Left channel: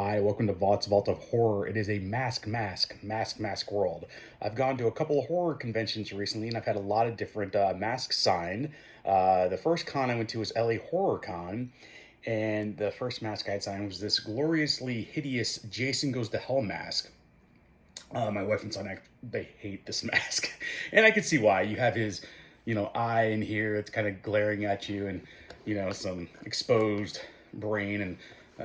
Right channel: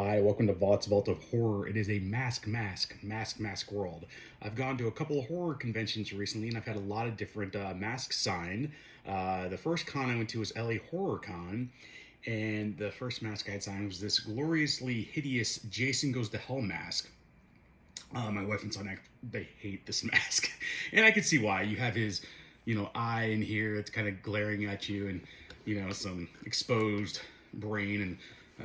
Hi, welcome to Vaught's Vault of Horror. It is a mask world. I've gone to a couple of horror conventions recently, and I've had a lot of different masks signed. The first con I went to was LA Horror Con, and the first mask I had signed was this gloriously hideous Jason Goes to Hell mask. My wife and son, they hate this mask, and I could see why. You have his, eye in here. It's kind of glaring at you, and some exposed brain, and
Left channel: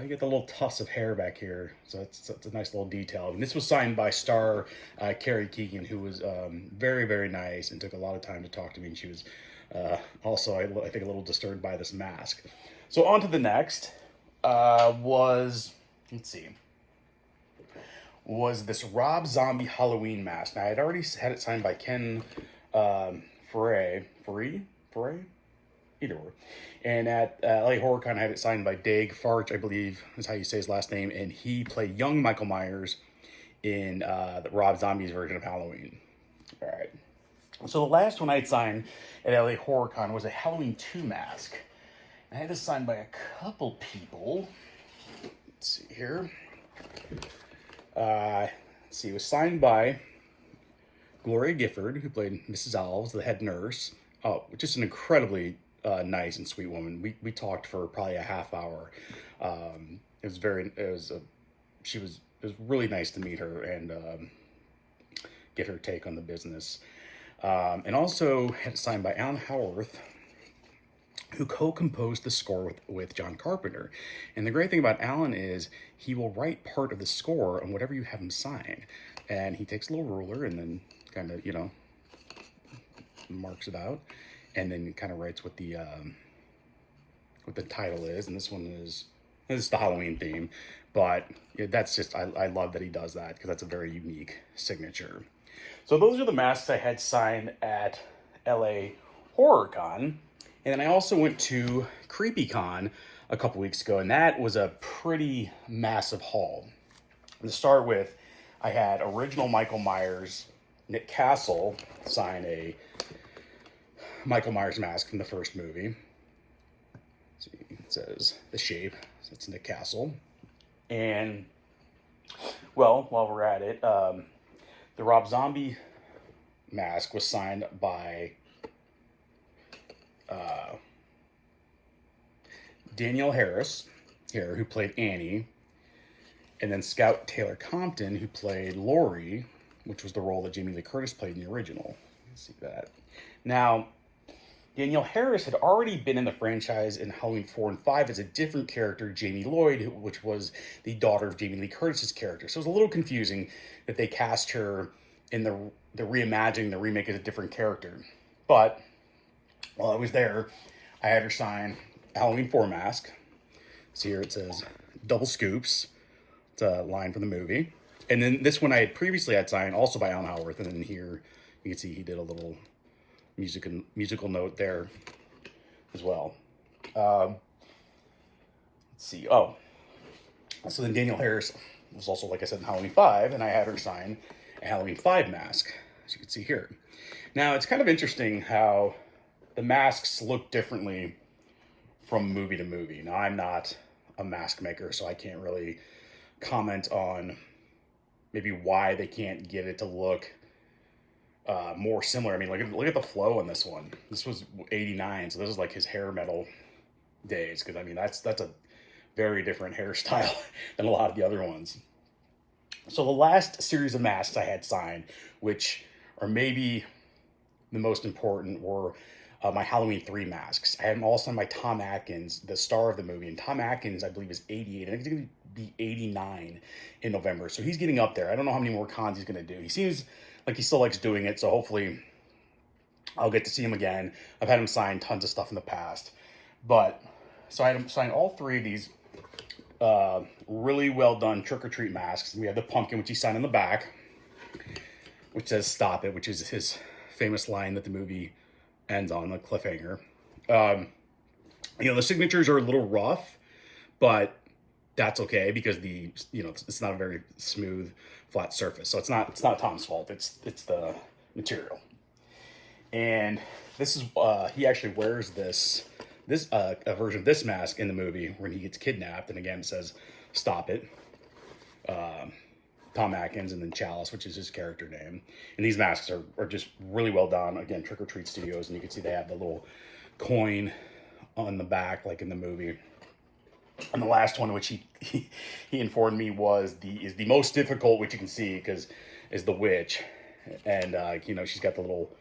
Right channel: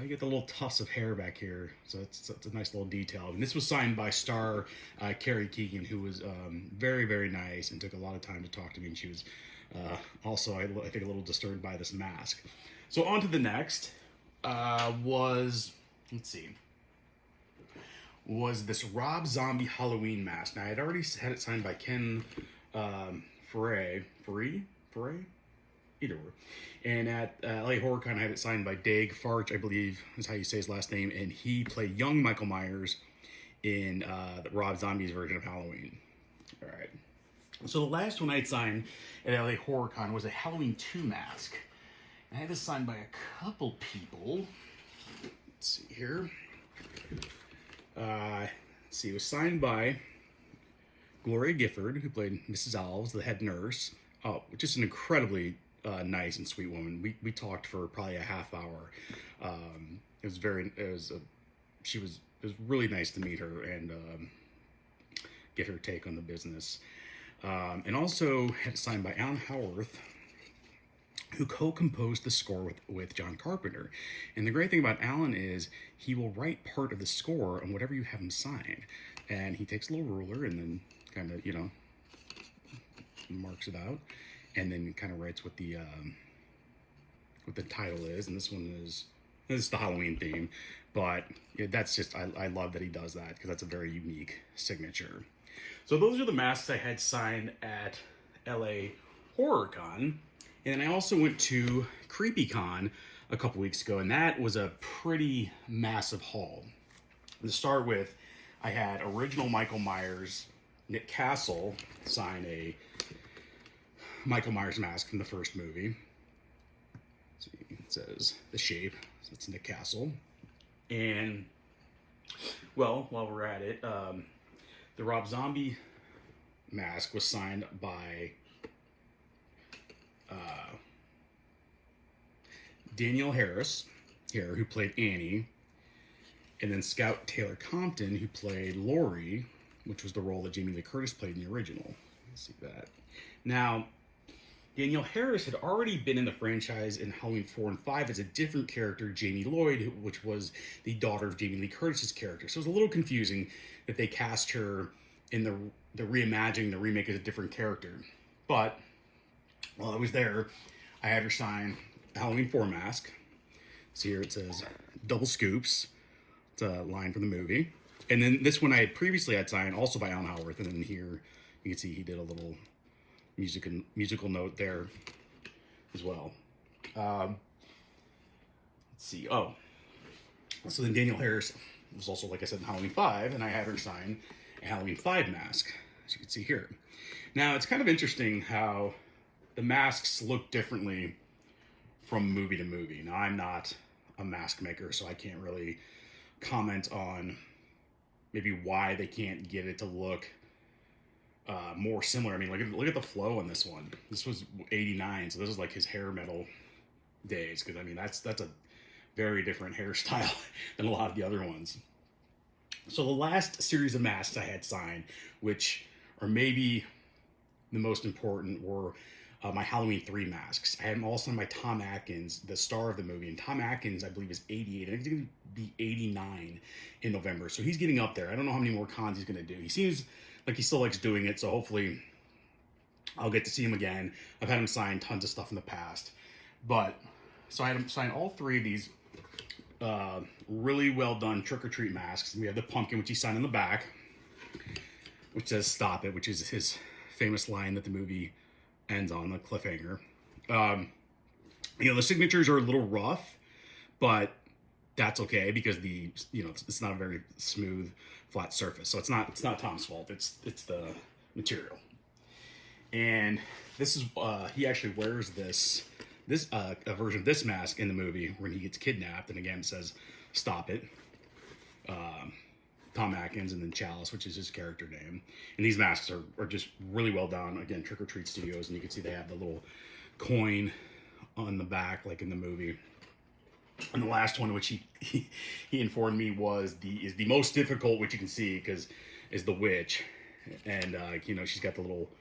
you get the little tufts of hair back here. So that's a nice little detail. And this was signed by star Carrie Keegan, who was very, very nice and took a lot of time to talk to me. And she was also, I think, a little disturbed by this mask. So on to the next let's see, was this Rob Zombie Halloween mask. Now, I had already had it signed by Ken Foray, either or. And at LA HorrorCon, I had it signed by Dag Farch, I believe is how you say his last name, and he played young Michael Myers in the Rob Zombie's version of Halloween. All right. So the last one I had signed at LA HorrorCon was a Halloween 2 mask. I had this signed by a couple people. Let's see here. Let's see, it was signed by Gloria Gifford, who played Mrs. Alves, the head nurse. Oh, just an incredibly nice and sweet woman. We talked for probably a half hour. It was really nice to meet her and get her take on the business. And also had it signed by Alan Howarth, who co-composed the score with John Carpenter. And the great thing about Alan is he will write part of the score on whatever you have him sign. And he takes a little ruler and then kind of, marks it out, and then kind of writes what the title is. And this is the Halloween theme, but that's just, I love that he does that, because that's a very unique signature. So those are the masks I had signed at LA HorrorCon. And then I also went to CreepyCon a couple weeks ago, and that was a pretty massive haul. To start with, I had original Michael Myers, Nick Castle, sign a Michael Myers mask from the first movie. See, it says The Shape, so it's Nick Castle. And, well, while we're at it, the Rob Zombie mask was signed by Danielle Harris here, who played Annie, and then Scout Taylor Compton, who played Laurie, which was the role that Jamie Lee Curtis played in the original. Let's see that. Now, Danielle Harris had already been in the franchise in Halloween 4 and 5 as a different character, Jamie Lloyd, which was the daughter of Jamie Lee Curtis's character. So it was a little confusing that they cast her in the reimagining, the remake, as a different character. But while I was there, I had her sign a Halloween 4 mask. So here it says double scoops. It's a line from the movie. And then this one I had previously had signed also by Alan Howarth. And then here you can see he did a little musical note there as well. Let's see. Oh, so then Danielle Harris was also, like I said, in Halloween 5, and I had her sign a Halloween 5 mask, as you can see here. Now, it's kind of interesting how the masks look differently from movie to movie. Now, I'm not a mask maker, so I can't really comment on maybe why they can't get it to look more similar. I mean, look at the flow on this one. This was 89, so this is like his hair metal days, because I mean that's a very different hairstyle than a lot of the other ones. So the last series of masks I had signed, which are maybe the most important, were my Halloween 3 masks. I had them all signed by Tom Atkins, the star of the movie. And Tom Atkins, I believe, is 88. I think he's going to be 89 in November. So he's getting up there. I don't know how many more cons he's going to do. He seems like he still likes doing it. So hopefully I'll get to see him again. I've had him sign tons of stuff in the past. So I had him sign all 3 of these really well done trick-or-treat masks. We have the pumpkin, which he signed on the back, which says "Stop It," which is his famous line that the movie ends on, the cliffhanger. The signatures are a little rough, but that's okay, because it's not a very smooth, flat surface. So it's not Tom's fault. It's the material. And this is he actually wears a version of this mask in the movie when he gets kidnapped, and again it says "Stop It." Tom Atkins, and then Chalice, which is his character name. And these masks are just really well done. Again, Trick or Treat Studios, and you can see they have the little coin on the back, like in the movie. And the last one, which he informed me is the most difficult, which you can see because is the witch, and you know, she's got the little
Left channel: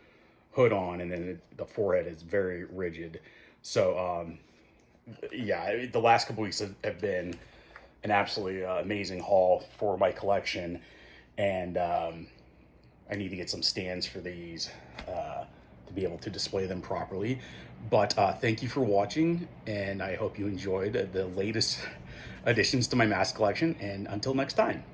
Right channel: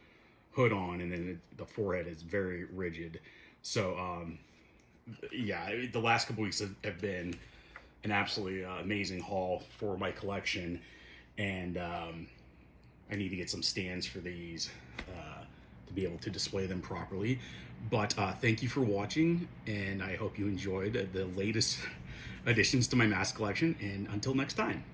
hood on, and then the forehead is very rigid. So yeah, the last couple weeks have been an absolutely amazing haul for my collection, and I need to get some stands for these to be able to display them properly. But thank you for watching, and I hope you enjoyed the latest additions to my mask collection, and until next time.